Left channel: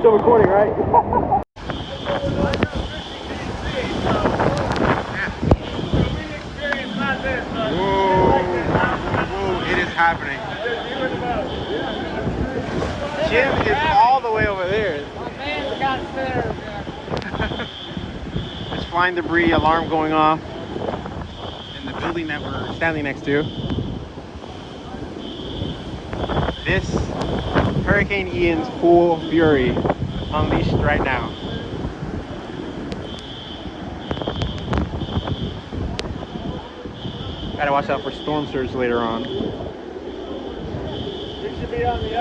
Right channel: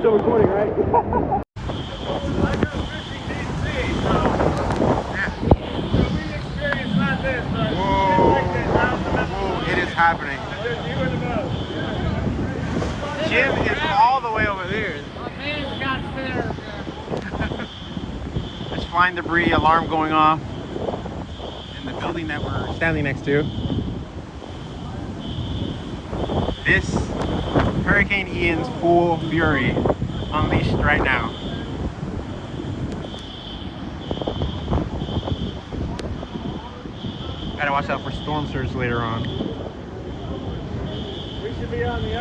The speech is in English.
still recording, right? Whoa, it is happening. Jim is all the way over there. There's flying debris, alarm going off in the building that we're standing next to. This Hurricane Ian's full fury unleashed right now. Gotta watch out for storm surge later on. We should be on the